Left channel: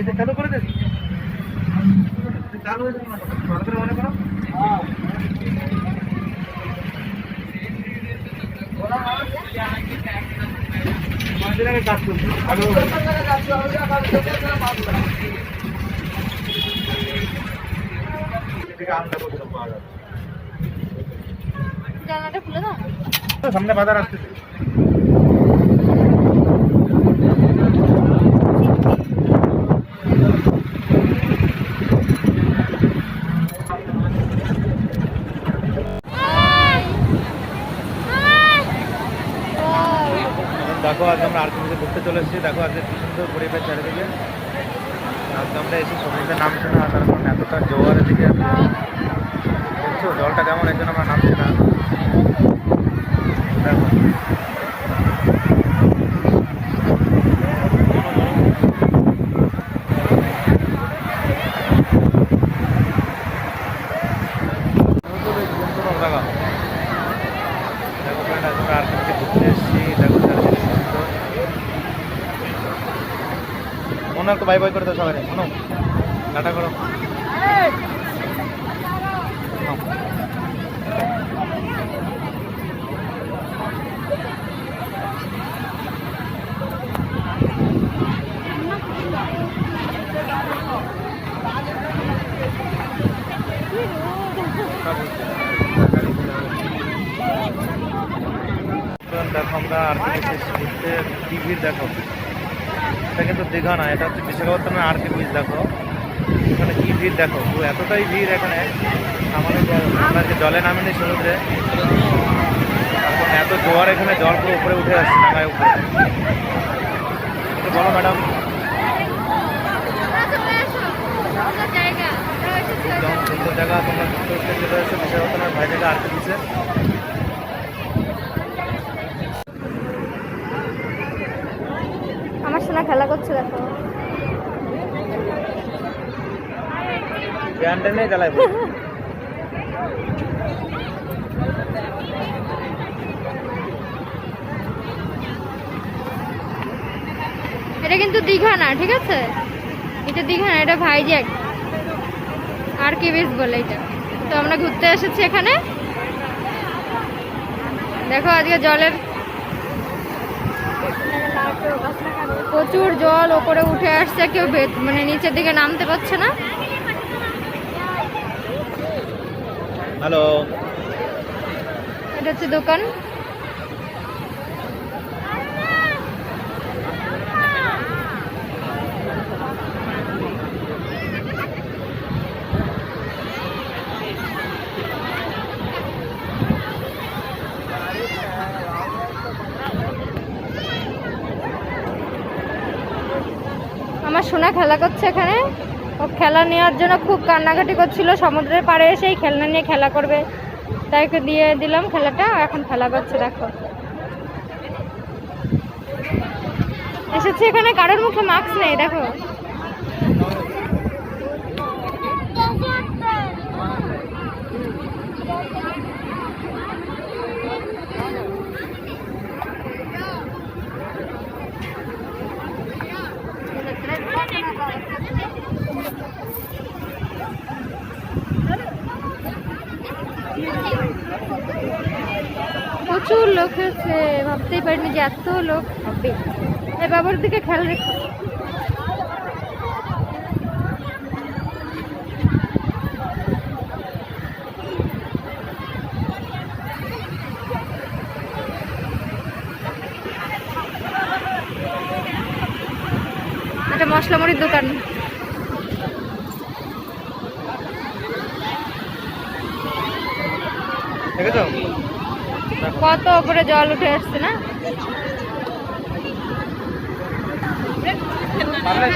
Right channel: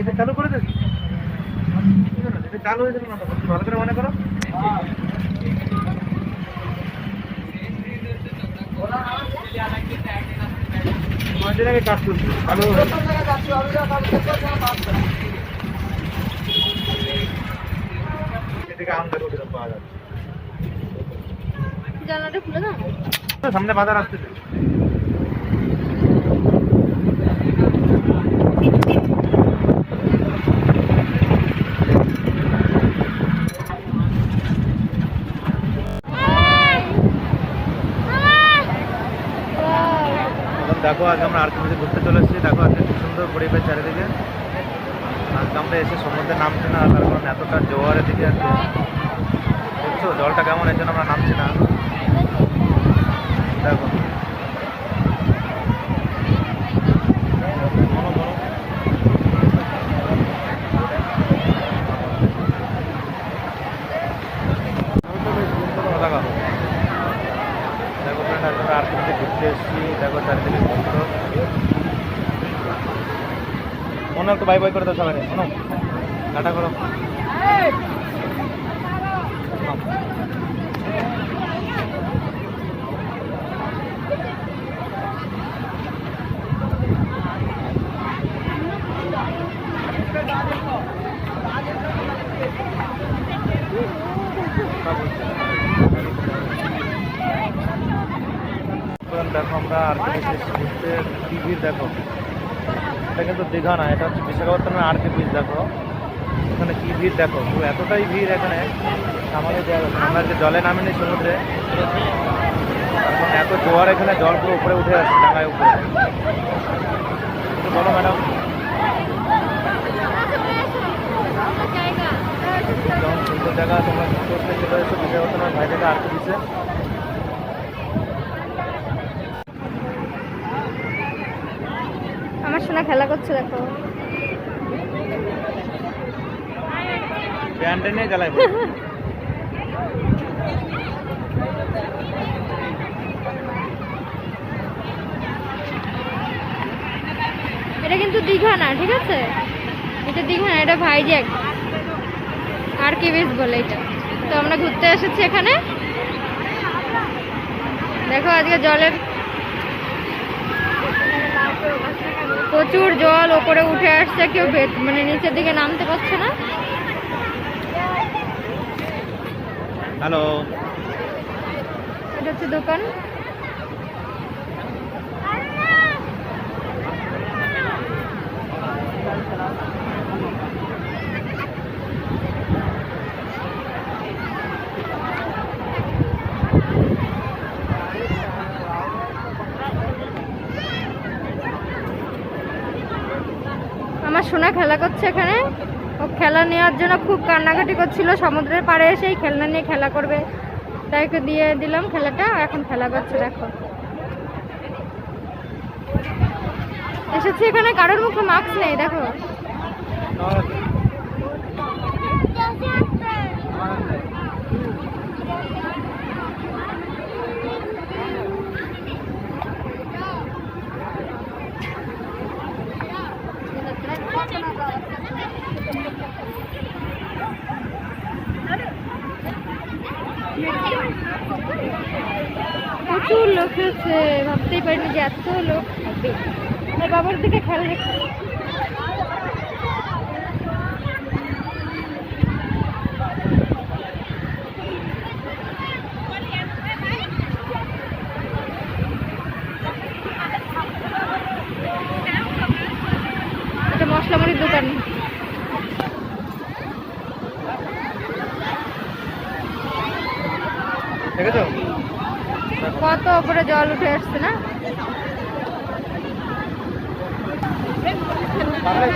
এটা চালু করে দেন, চালু হয়ে যাবে না, ভালো করে মনে করো। আমাদের আগে কাজ করছি ভালো এদিকে আমটা কোথাও পাওয়া যাচ্ছে। জানলাটা খুলে দাও, সামনে বাজার আসতেছে। দেখো আজ আমরা আরকিমিতে ঘুরতে চলে এসেছি। দেখো আজকে খুব সুন্দর পরিবেশ চারিদিকে। আজকে আমরা এসে সমুদ্রে নামছি না, তার কারণ এতটা জোয়ারের দিকে আছে, দেখছো জলটা কেমন, এর জন্য আমরা নামছি না। দেখো দেখো ফ্রেন্ড, আজকে আমরা আরকিমিতে ঘুরতে এসেছি। দেখো চারিদিকে সুন্দর। মনে একটু বাই বাই করে দাও সবাই, মনে টাটা করো। দেখো আমরা আরকে ঘুরতে, কি ভিড় দেখো। এটা কিন্তু দীঘা না, এটা হচ্ছে বিশাখাপত্তনমের আরকে বিচ। দেখো এখানে কি ভিড় দেখো, এতটাই ভিড় এখানে আমাদের দেওয়া যাবে। আমরা আজকে জলে নামিনি সমুদ্রে, কারণ এত জোয়ার, এখানে জল পুরো উপরে উঠে আসছে ডাঙায় উপরে। বলো ম্যাডাম, যেমন সুন্দর জায়গা তোমরা ঘুরতে ঘুরতে চলে এসো বিশাখাপত্তনমের ভাই জায়গা আরকে বিচে। আমার সোনা খেলা করছে দেখো। এটা কিন্তু দীঘা না, ঠিক আছে, এটা দীঘা না, এটা ভাইজ্যাক আরকে বিচ বলে এটা। তো আমরা ঘুরতে এসেছি এখানে। দেখো আজকে জলের প্রচুর জল ওপরে উঠে আসছে, কেউ মানে নিচের দিকে নামতে পারছে না। হ্যালো, এটা হচ্ছে দোকান। আমার সোনা খেলা করছে এখানে। ও খেলা নেওয়ার জন্য খুব কান্নাকাটি করছিল, সমুদ্রের পাড়ে এসেই খেলনা নিয়ে খেলা করবে, তাই ওকে দিয়ে দিলাম খেলাটা, এখন খেলা করছে। দেখো এসেছি এখানে, কারোর মুখে মাস্ক নেই। দেখো প্রচুর লোক হয়েছে, ভাবতেই পারিনি যে এত লোক হবে। বাবার দিকে খেয়াল রেখো। একটা মশলা মুড়ির দোকান। দেখেছো কত উপরে জল উঠে আসছে না। পারলে